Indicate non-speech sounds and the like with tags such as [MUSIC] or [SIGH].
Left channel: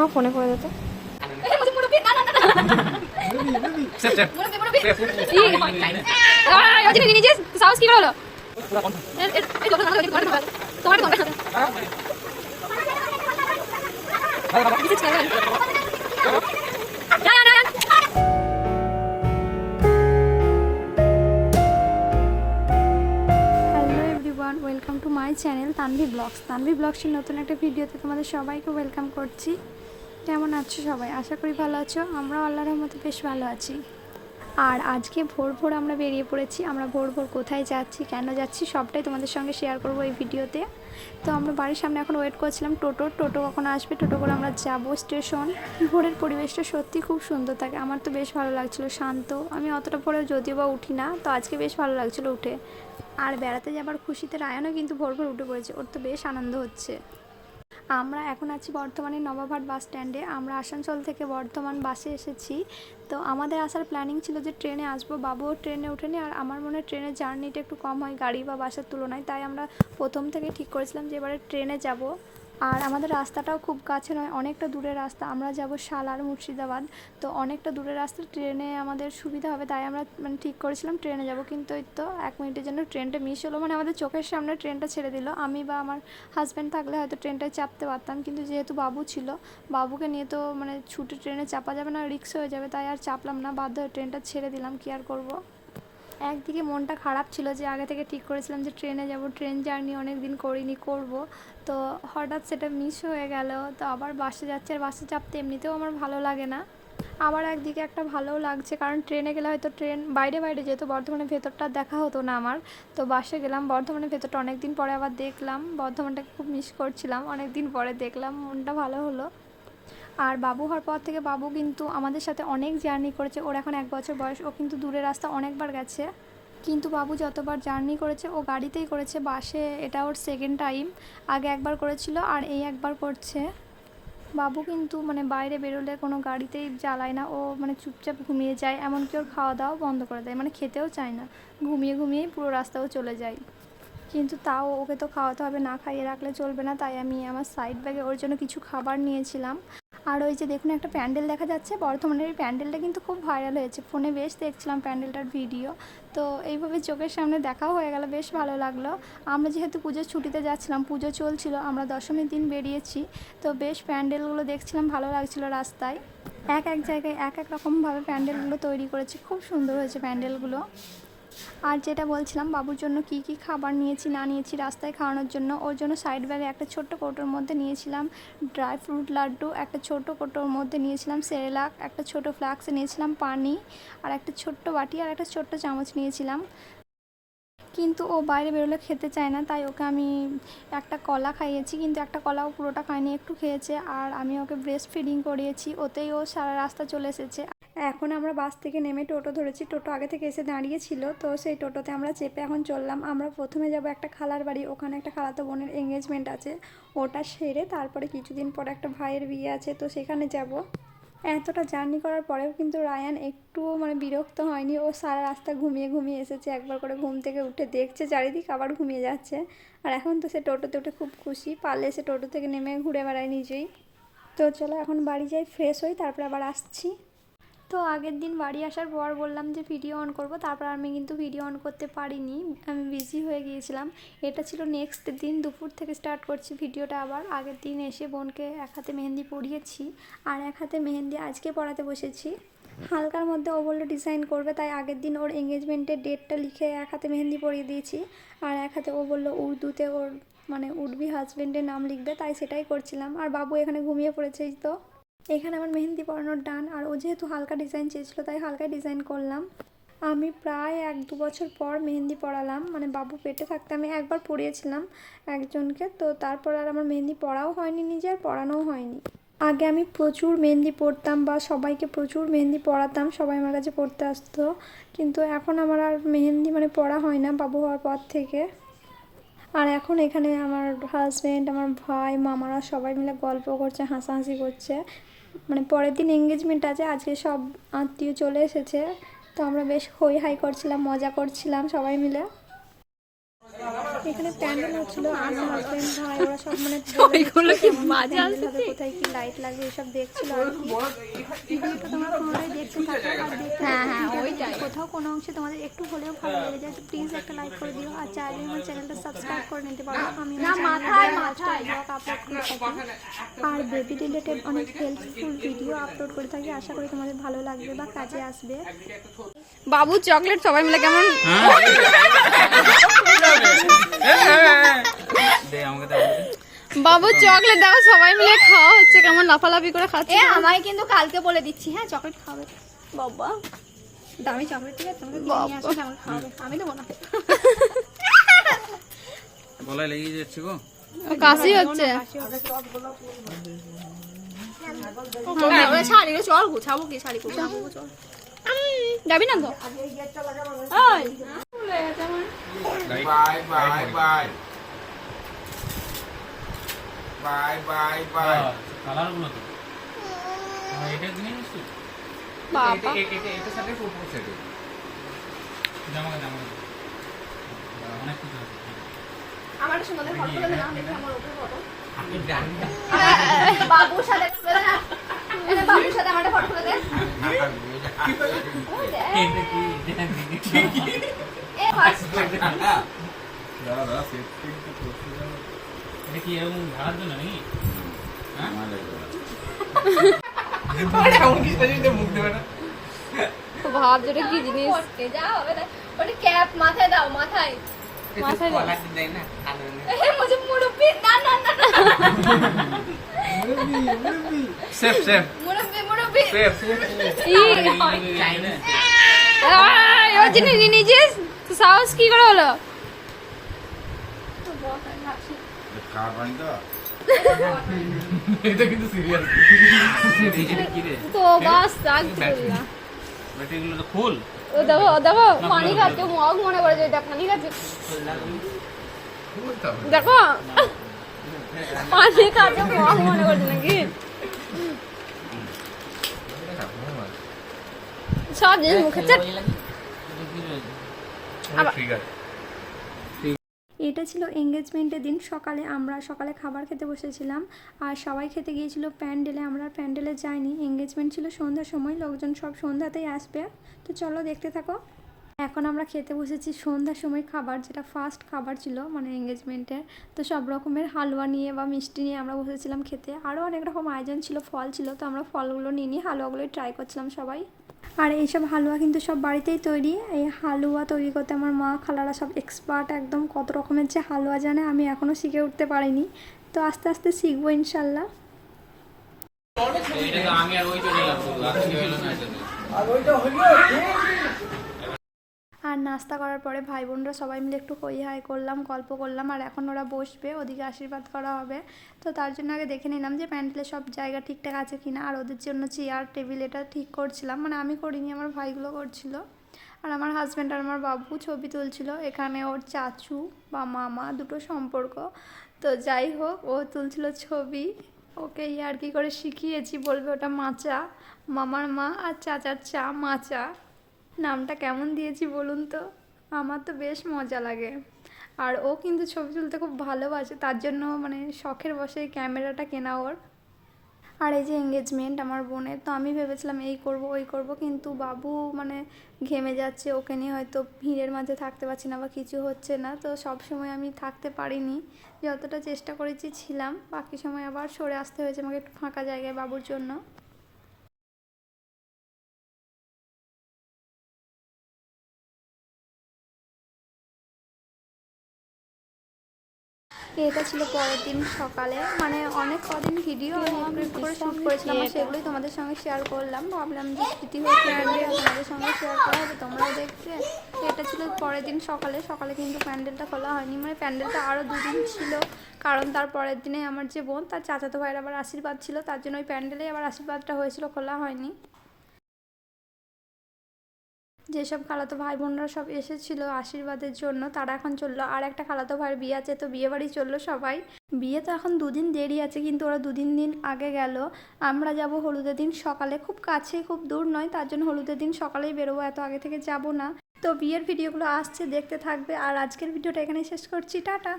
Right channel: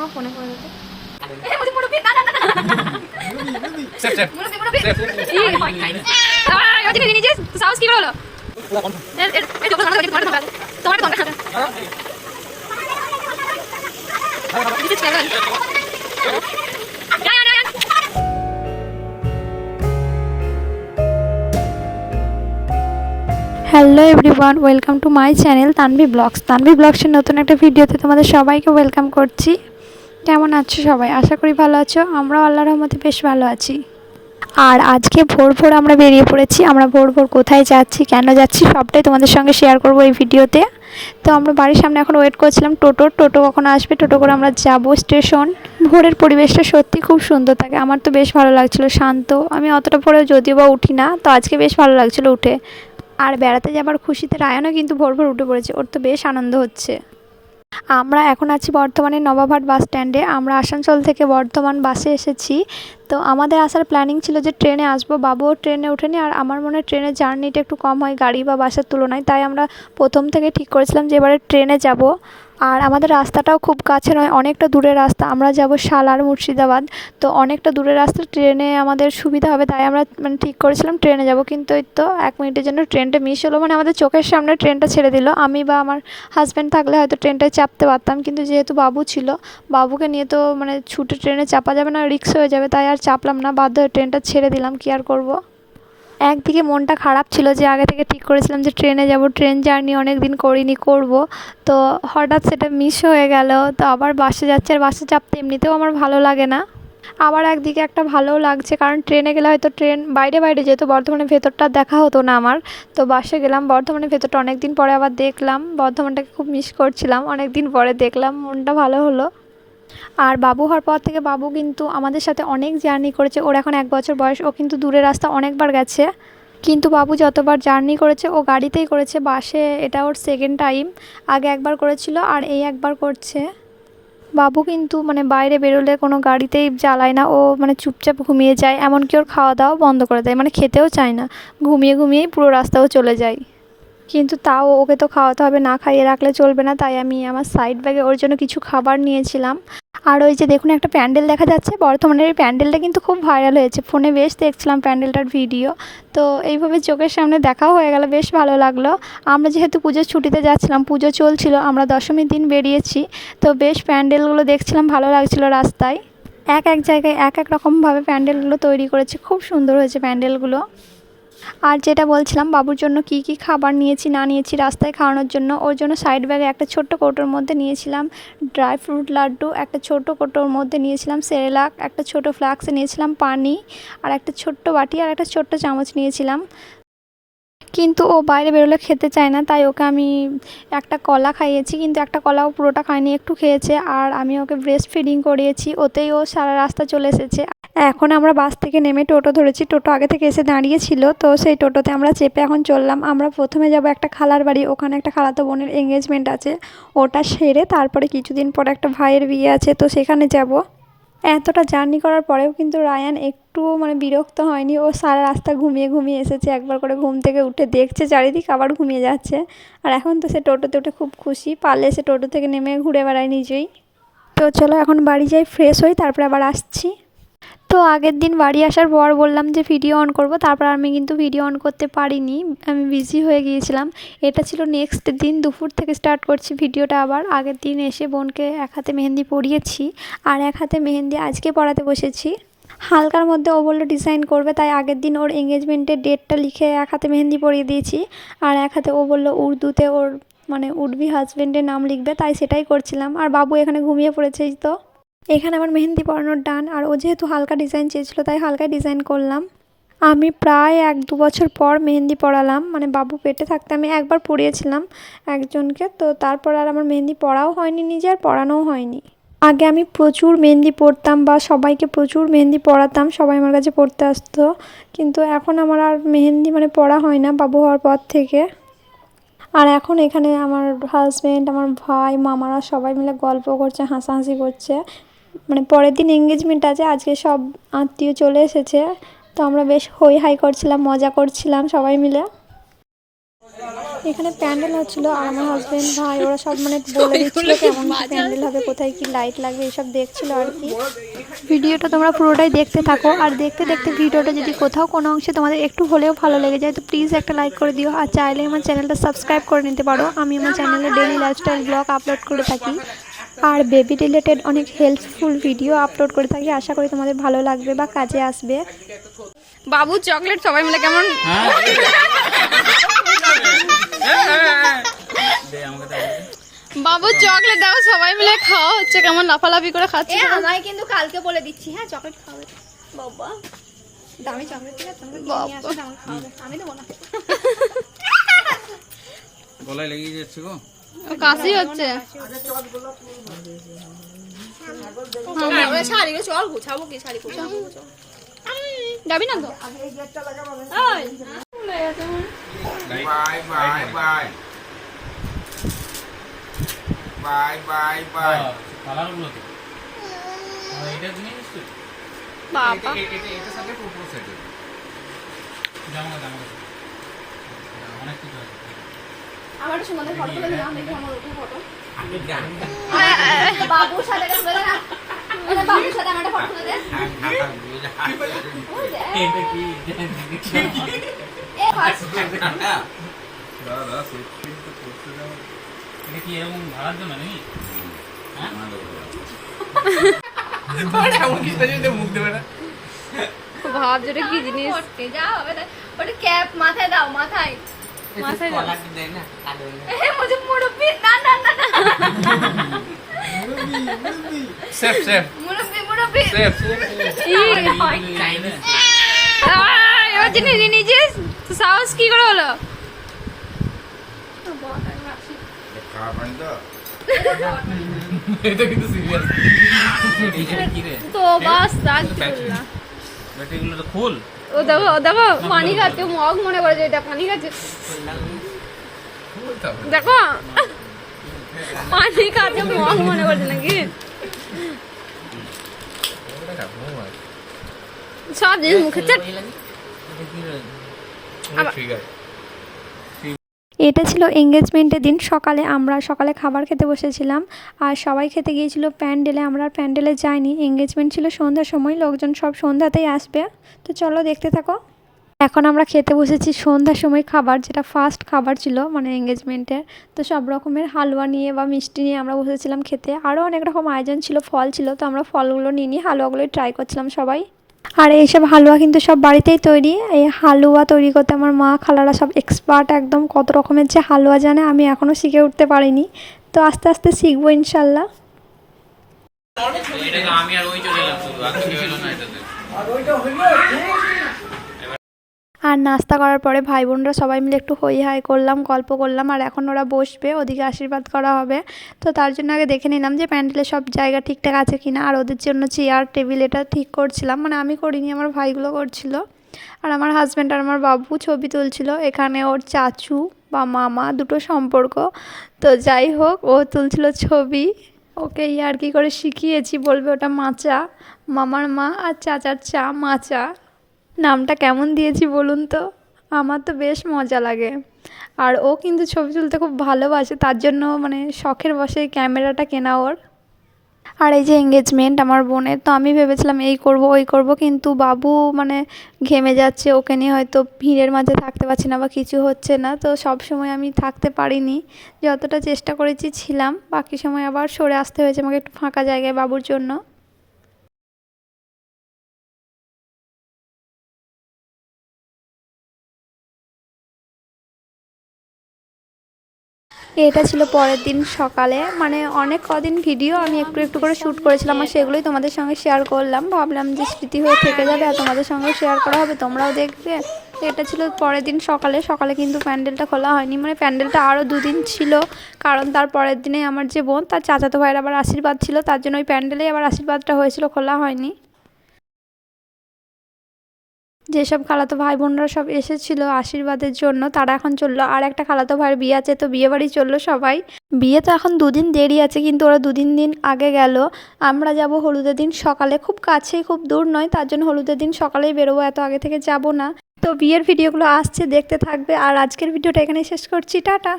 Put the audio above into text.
আমার ফোনে করে দিত। সাহস কি হলো? তোমার. Hello everyone welcome to my channel Tanvi vlogs Tanvi ব্লগসের নতুন একটা ভিডিওতে তোমাদের সবাইকে ওয়েলকাম করছি। কেমন আছো সবাই? আশা করি ভালো আছো। আমরাও আল্লাহর রহমতে বেশ ভালো আছি। আর আজকে ভোর ভোর আমরা বেরিয়ে পড়েছি। আমরা ভোর ভোর কোথায় যাচ্ছি, কেন যাচ্ছি, সবটাই তোমাদের সঙ্গে শেয়ার করব এই ভিডিওতে তো। আমরা বাড়ির সামনে এখন ওয়েট করছিলাম টোটো। টোটো কখন আসবে? টোটো করে আমরা যাব স্টেশন ভোরের পরিবেশটা সত্যি খুব সুন্দর থাকে। আমার তো বেশ ভালো লাগছিল, শান্ত। আমি অতটা পরে যদিও বা উঠি না, তো আজকে বেশ ভালো লাগছিল উঠে। আর বেড়াতে যাবার খুশিতে রায়নও কিন্তু ভোর ভোর উঠে পড়েছে। ওর তো বেশ আনন্দ হচ্ছে। আমরা এখন আছি বর্ধমানের নবাবহাট বাস স্ট্যান্ডে। আমরা আসানসোল থেকে বর্ধমান বাসে এসেছি। তো আমাদের আসার প্ল্যানিং ছিল যে ট্রেনে আসব। বাবুও ট্রেনে ওঠেনি আর আমার মনে হয় ট্রেনের জার্নিটা একটু কম হয় গাড়ি বা বাসের তুলনায়। তাই আমরা প্রথম থেকে ঠিক করেছিলাম যে এবারে ট্রেনে যাব। আর আমাদের রাস্তাটাও খুব কাছে নয়, অনেকটা দূরের রাস্তা। আমরা যাব সালার মুর্শিদাবাদ। তো অনেকটা দূরের রাস্তা, ট্রেনে আমাদের সুবিধা হবে, তাই আমরা মানে ঠিক করেছিলাম ট্রেনে যাব। কিন্তু এই তো এক মিনিটের জন্য ট্রেনটা মিস হলো মানে আমাদের চোখের সামনে ট্রেনটা ছেড়ে দিল। আমি বা আমার হাজব্যান্ড থাকলে হয়তো ট্রেনটায় চাপতে পারতাম, কিন্তু যেহেতু বাবু ছিল, বাবুকে নিয়ে তো মানে ছুটে ট্রেনে চাপা যাবে না রিক্স হয়ে যাবে, তাই আর চাপলাম না, বাধ্য হয়ে ট্রেনটা ছেড়ে দিলাম, কি আর করব? একদিকে মনটা খারাপ ছিল যে আগে থেকে ঠিক করেছিলাম যে ট্রেনে যাব, ট্রেন জার্নি অনেক দিন করিনি, করব। তো হঠাৎ সেটা মিস হয়ে গেল, তো আবার বাসে যাচ্ছে। আর বাসে চাপতে এমনিতেও আমার ভালো লাগে না। আবার একদিকে একটা ভালোও লাগছে, কারণ ট্রেনে গেলে হয়তো ট্রেন বাইরে বাইরে যেত বর্ধমানের ভেতরটা দেখা হতো না আমার, তো বাসে গেলাম। বর্ধমানের ভেতরটা অনেক দিন পরে আবার দেখলাম। বর্ধমানটাকে খুব মিস করছিলাম। অনেক দিন পরে দেখলাম, মনটা ভালো হলো। আর বাবু হওয়ার পর থেকে বাবু কিন্তু আমাদের সাথে অনেক জার্নি করেছে। ওর এখন এক বছর বয়স, ও কিন্তু দূরের রাস্তা অনেকবার গেছে। কিন্তু বাবু যতবার জার্নি করেছে, ও গাড়িতেই করেছে, বাসে, এটা ওর সেকেন্ড টাইম আগে একবার করেছিল আর এই একবার করছে। বাবু কিন্তু মানে বাইরে বেরোলে কোনো গাড়িতেই জ্বালায় না, ও মানে চুপচাপ ঘুমিয়ে যায়। এমনকি ওর খাওয়া দাওয়া বন্ধ করে দেয় মানে খেতেও চায় না। ঘুমিয়ে ঘুমিয়েই পুরো রাস্তাও চলে যায়। কিন্তু তাও ওকে তো খাওয়াতে হবে, না খাইয়ে রাখলে চলবে না। তাই আমি আমার সাইড ব্যাগে ওর জন্য কিছু খাবার নিয়েছিলাম। আর ওই যে দেখুন একটা প্যান্ডেল দেখা যাচ্ছে বর্ধমানের এই প্যান্ডেলটা কিন্তু খুব ভাইরাল হয়েছে। ফোনে বেশ দেখছিলাম প্যান্ডেলটার ভিডিও তো এইভাবে চোখের সামনে দেখাও হয়ে গেল, বেশ ভালো লাগল। আমরা যেহেতু পুজোর ছুটিতে যাচ্ছিলাম, পুজো চলছিল, আমরা দশমীর দিন বেরিয়েছি। তো বেশ প্যান্ডেলগুলো দেখছিলাম, ভালো লাগছিল রাস্তায়। এক এক জায়গায় এক এক রকমভাবে প্যান্ডেলগুলো তৈরি করেছে, খুব সুন্দর হয়েছে প্যান্ডেলগুলো। আর যেটা বলছিলাম, বাবুর জন্য কি কি খাবার নিয়েছি, না নিয়েছি, রাস্তায় খাওয়ানোর জন্য, ওর জন্য সাইড ব্যাগে একটা ছোট্ট কৌটোর মধ্যে নিয়েছিলাম। ড্রাই ফ্রুট লাড্ডু, একটা ছোট কৌটোর মধ্যে নিয়েছিলাম সেরেলাক একটা ছোট ফ্লাক্সে নিয়েছিলাম, পানি, আর একটা ছোট্ট বাটি, আর একটা ছোট্ট চামচ নিয়েছিলাম। কিন্তু ও বাইরে বেরোলে খেতে চায় না, তাই ওকে আমি একটা কলা খাইয়েছি, কিন্তু একটা কলাও পুরোটা খায়নি, একটু খেয়েছে, আর আমি ওকে ব্রেস্ট ফিডিং করিয়েছি, ওতেই ও সারা রাস্তা চলে এসেছে। এখন আমরা বাস থেকে নেমে টোটো ধরেছি। টোটো আগে থেকে এসে দাঁড়িয়েছিল, তো সেই টোটোতে আমরা চেপে এখন চললাম। আমরা প্রথমে যাব একটা খালার বাড়ি, ওখানে একটা খালাতো বোনের এঙ্গেজমেন্ট আছে। ওটা সেরে তারপরে কিছুদিন পরে একটা ভাইয়ের বিয়ে আছে, তো সেখানে যাব। এতটা জার্নি করার পরেও কিন্তু রায়ান একটু মানে বিরক্ত হয়নি। ও সারা রাস্তা ঘুমিয়ে ঘুমিয়ে এসেছে, একবার করে ঘুম থেকে উঠে দেখছে, চারিদিক আবার ঘুমিয়ে যাচ্ছে। আর এখন তো সে টোটোতে উঠে খুব খুশি, পারলে সে টোটো থেকে নেমে ঘুরে বেড়ায় নিজেই। তো চলো এখন বাড়ি যাই ফ্রেশ হই, তারপরে আবার আসছি। তো আগের দিন বাড়ি আসার পর বললাম যে ভিডিও অন করব, তারপর আমি কিন্তু ভিডিও অন করতে পারিনি, আমি বিজি হয়ে গিয়েছিলাম। এটা ছিল নেক্সট দিন, দুপুর থেকে স্টার্ট করছি ভিডিওটা আবার। আগের দিন এসে বোনকে এক হাতে মেহেন্দি পরিয়েছি, আর এক হাতে মেহেন্দি আজকে পড়াতে বসেছি। হালকার মধ্যে ও বলল ডিজাইন করবে, তাই আগের দিন ওর এঙ্গেজমেন্টের ডেটটা লিখে এক হাতে মেহেন্দি পরিয়ে দিয়েছি। আর এক হাতে ও বলল উর্দুতে ওর মানে উর্বি হাজব্যান্ডের নাম লিখবে, তাই সেটাই করছিলাম। আর বাবু এখানে ঘুমিয়ে পড়েছে তো। এখানে আমার মেহেন্দি পরানোর ডান, আর ও যেহেতু হালকা ডিজাইন চেয়েছিল, তাই হালকা ডিজাইন করলাম। আমি প্রায় এক দু বছর পর মেহেন্দি পড়ালাম মানে বাবু পেটে থাকতে আমি একবার পড়িয়েছিলাম একজনকে, তো তারপর আর আমার মেহেন্দি পড়াও হয়নি নিজে, আর পড়ানোও হয়নি। আগে আমি প্রচুর মেহেন্দি পরতাম বা সবাইকে প্রচুর মেহেন্দি পড়াতাম সবাই আমার কাছে পড়তে আসতো, কিন্তু এখন আমার আর মেহেন্দি মানে পড়া হয় না বাবু হওয়ার পর থেকে। আর এখন এখানে আমার হাজব্যান্ড আমার ভাই, মামারা সবাই মিলে গল্প করছে, হাসাহাসি করছে। মানে পরের দিন এঙ্গেজমেন্ট আছে আজকে সব আত্মীয় চলে এসেছে। তো আমরা বেশ হই হাই করছিলাম মজা করছিলাম সবাই মিলে। এখানে প্যান্ডেল হচ্ছিল আমার হাজবেন্ড ভাই ওরা সব মানে বলে দিচ্ছিল কেমন প্যান্ডেল হবে কোথায় কি লাইট লাগবে এসব দেখছিল আর কি। ভিডিওটা তোমরা পুরোটাই দেখতে থাকো আর দেখতে দেখতে ভিডিওটা যদি কোথাও কোনো অংশে তোমাদের একটু হলেও ভালো লেগে যায় তো প্লিজ একটা লাইক করে দিও। আর চাইলে আমার চ্যানেলটা সাবস্ক্রাইব করে নিতে পারো। আমি আমার চ্যানেলে ডেলি লাইফস্টাইল ব্লগ আপলোড করে থাকি। আর বেবি রিলেটেড অনেক হেল্পফুল ভিডিও আপলোড করে থাকি। আশা করি তোমাদের ভালো লাগবে বা কাজে আসবে। বাবু চকলেট সবাই মিলে কেমন? বাবু চকলেট দাও সবাই মিলে খাওয়া হচ্ছে কেমন লাফালাফি করে খাচ্ছে আমায় কিন্তু কালকে বলে দিচ্ছি হ্যাঁ চকলেট খাওয়াবে বাবা। দামি চকলেট আমি না। [LAUGHS] গলায় লেগে যাচ্ছে গো। কাশি হচ্ছে। চল গুছাবো কি শাড়ি যাবি না তো? বাবা। এটা সাথে জামা জামা অনেক কিছু আছে। আমার সুন্দর ফটো তুলে দিলাম দেখি আমার ওটা ফটো হ্যাঁ, বাবুর সাথে মানে বাবুর সাথে আমার ফটো তুলে ভাব যেটা কি জিনিস যা হবে না ওটা ক্যাপ মাথায় দাও মাথায় মাথায় দাও মুঝে মুরব্বি না না না না সেফ সেফ মুরব্বি মুরব্বি সেফ ই জিনিস নিয়ে তো সাহস কি করে হলো তো এটা কিন্তু সিরিয়াস এটা কি রে তো বাস রাগ করলাম ব্যাটারিগুলো তো ফুল ও দেখো ও দেখো পানি খাচ্ছে মগ মনে করে যে এটা পানি খাচ্ছে। দেখো পানি খাচ্ছে মগ মনে করছে নাকি? সব জিনিস মুখে চাপ আবার- এটা ছিল এঙ্গেজমেন্টের দিন। সকালে আমরা সকালে খাবার খেতে বসেছিলাম। আর সবাই খেতে গিয়েছিল প্যান্ডেলে। আমরা প্যান্ডেলে যাইনি। এঙ্গেজমেন্ট ছিল সন্ধ্যার সময়। লোকজন সব সন্ধ্যাতেই আসবে। তো চলো দেখতে থাকো। এখন আমরা খেতে বসেছি সন্ধ্যার সময় খাবার, যেটা ফার্স্ট খাবার ছিল মানে এঙ্গেজমেন্টের তো সব রকমের হালুয়া নিয়ে বা মিষ্টি নিয়ে আমরা বসেছিলাম খেতে। আরও অনেক রকম আয়োজন ছিল, ফল ছিল। তো আমরা ফলগুলো নিয়ে নিয়ে হালুয়াগুলোই ট্রাই করছিলাম সবাই। আর এইসব হালুয়া কিন্তু সব বাড়িতেই তৈরি। এই হালুয়া তৈরি করতে আমার মা খালারা সব এক্সপার্ট একদম কত রকমের যে হালুয়া জানে আমি এখনও শিখে উঠতে পারিনি। তো আস্তে আস্তে শিখব ইনশাল্লাহ। আমি আর ওই চলে আর কিছু হলো না এটাতে। আর নাস্তা করার পরে ভাই বোনরা সবাই মিলে একটু হই হাই করলাম, গল্প করলাম, আর এখন ওরা বসবে, ওদিকে আশীর্বাদ করা হবে। তো তার জন্য আগে দেখে নিলাম যে প্যান্ডেলের সব জায়গা ঠিকঠাক আছে কিনা, আর ওদের জন্য চেয়ার টেবিল এটা ঠিক করছিলাম। মানে আমি করিনি, আমার ভাইগুলো করছিল। আর আমার হাজব্যান্ড আর আমার বাবু ছবি তুলছিল, এখানে ওর চাচু বা মামা দুটো সম্পর্ক। তো যাই হোক, ও তুলছিল ছবি। ওকে ইয়ার কি করে শিখিয়েছি, বলবে ওটা মাচা, মামার মা আর চাচার চা মাচা। নামটা কেমন দিয়েছি বলুন তো? আমার তো বেশ মজা লাগে। আর ও কিন্তু ছবি তুলতে খুব ভালোবাসে, তার জন্য মানে শখের বসে ক্যামেরাটা কেনা ওর। আর এই যে এঙ্গেজমেন্ট আমার বোনের, তো আমি ভেবেছিলাম এই করব, ওই করব, কিন্তু বাবু মানে ঘেমে যাচ্ছে, ওকে নিয়ে হয়তো ভিড়ের মাঝে থাকতে পারছি না বা কিছু হচ্ছে না, তো সব সময় আমি থাকতে পারিনি। যতটা চেষ্টা করেছি ছিলাম, বাকি সময় আবার সরে আসতে হয়েছে, আমাকে একটু ফাঁকা জায়গায় বাবুর জন্য। এটা ছিল পরের দিন সকালে। মানে অনেক কদিন ভিডিও আমি একটু একটু করে শ্যুট করেছিলাম আর সেগুলোই তোমাদের সঙ্গে শেয়ার করলাম। ভাবলাম যে স্মৃতি হয়ে থেকে যাবে আর তোমাদের সঙ্গে শেয়ার করা হবে, তোমরাও দেখবে। এটা ছিল পরের দিন সকালে। সকালে কিন্তু প্যান্ডেলটা খোলা হয়নি। মানে প্যান্ডেলটা আরও দুদিন ছিল। কারণ তার পরের দিনে আমার যে বোন, তার চাচাতো ভাইয়ের আবার আশীর্বাদ ছিল। তার জন্য ওই প্যান্ডেলেই আবার আশীর্বাদটা হয়েছিল, খোলা হয়নি। যেসব খালাতো ভাই বোনরা সব এসেছিল আশীর্বাদের জন্য, তারা এখন চলল। আর একটা খালাতো ভাইয়ের বিয়ে আছে, তো বিয়ে বাড়ি চলল সবাই। বিয়ে তো এখন দুদিন দেরি আছে, কিন্তু ওরা দুদিন দিন আগে গেল। আমরা যাব হলুদের দিন সকালে। খুব কাছেই, খুব দূর নয়, তার জন্য হলুদের দিন সকালেই বেরোবো, এত আগে থেকে যাব না। তো বিয়ের ভিডিওগুলো আসছে, দেখতে থাকবে। আর আজকের ভিডিওটা এখানে শেষ করছি। টাটা!